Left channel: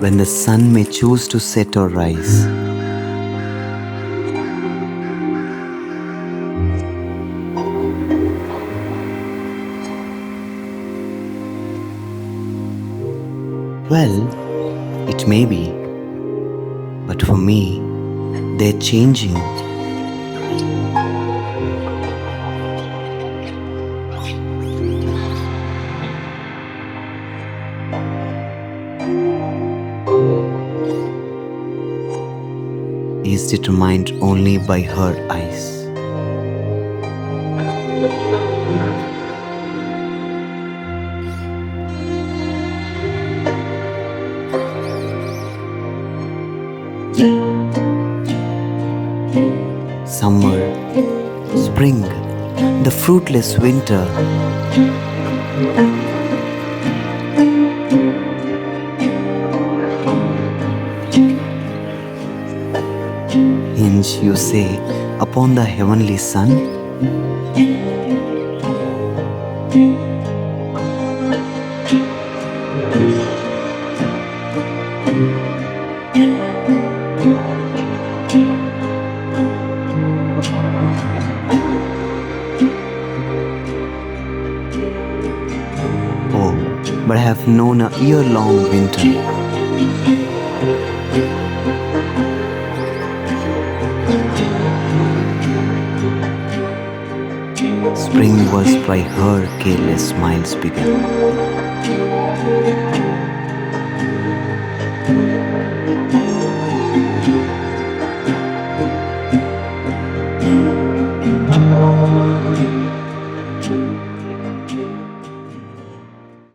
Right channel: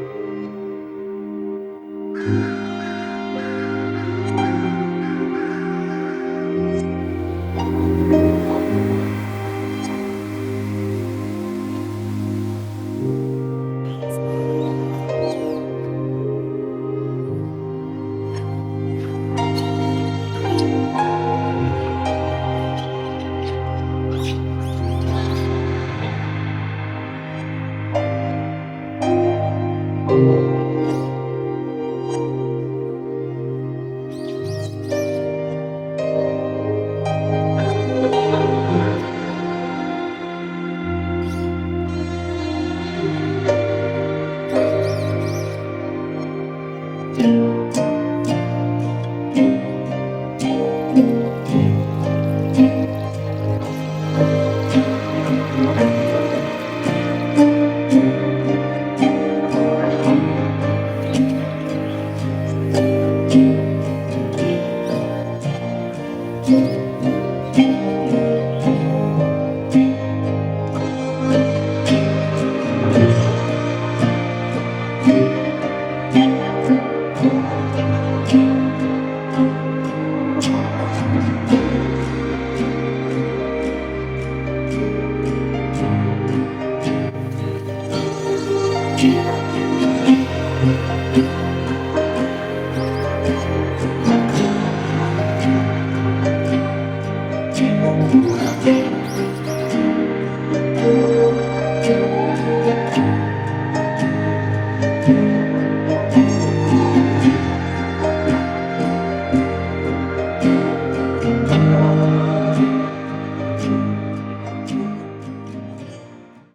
when the sun may choose to set or rise. Well, it may be, but for me, they're changing. Is determined only by her eyes. Summer, spring, the fruitless winter. Hinge, you say, upon the heavenly sun? But I have known a year-long winter. Spring was by her careless smiles begun.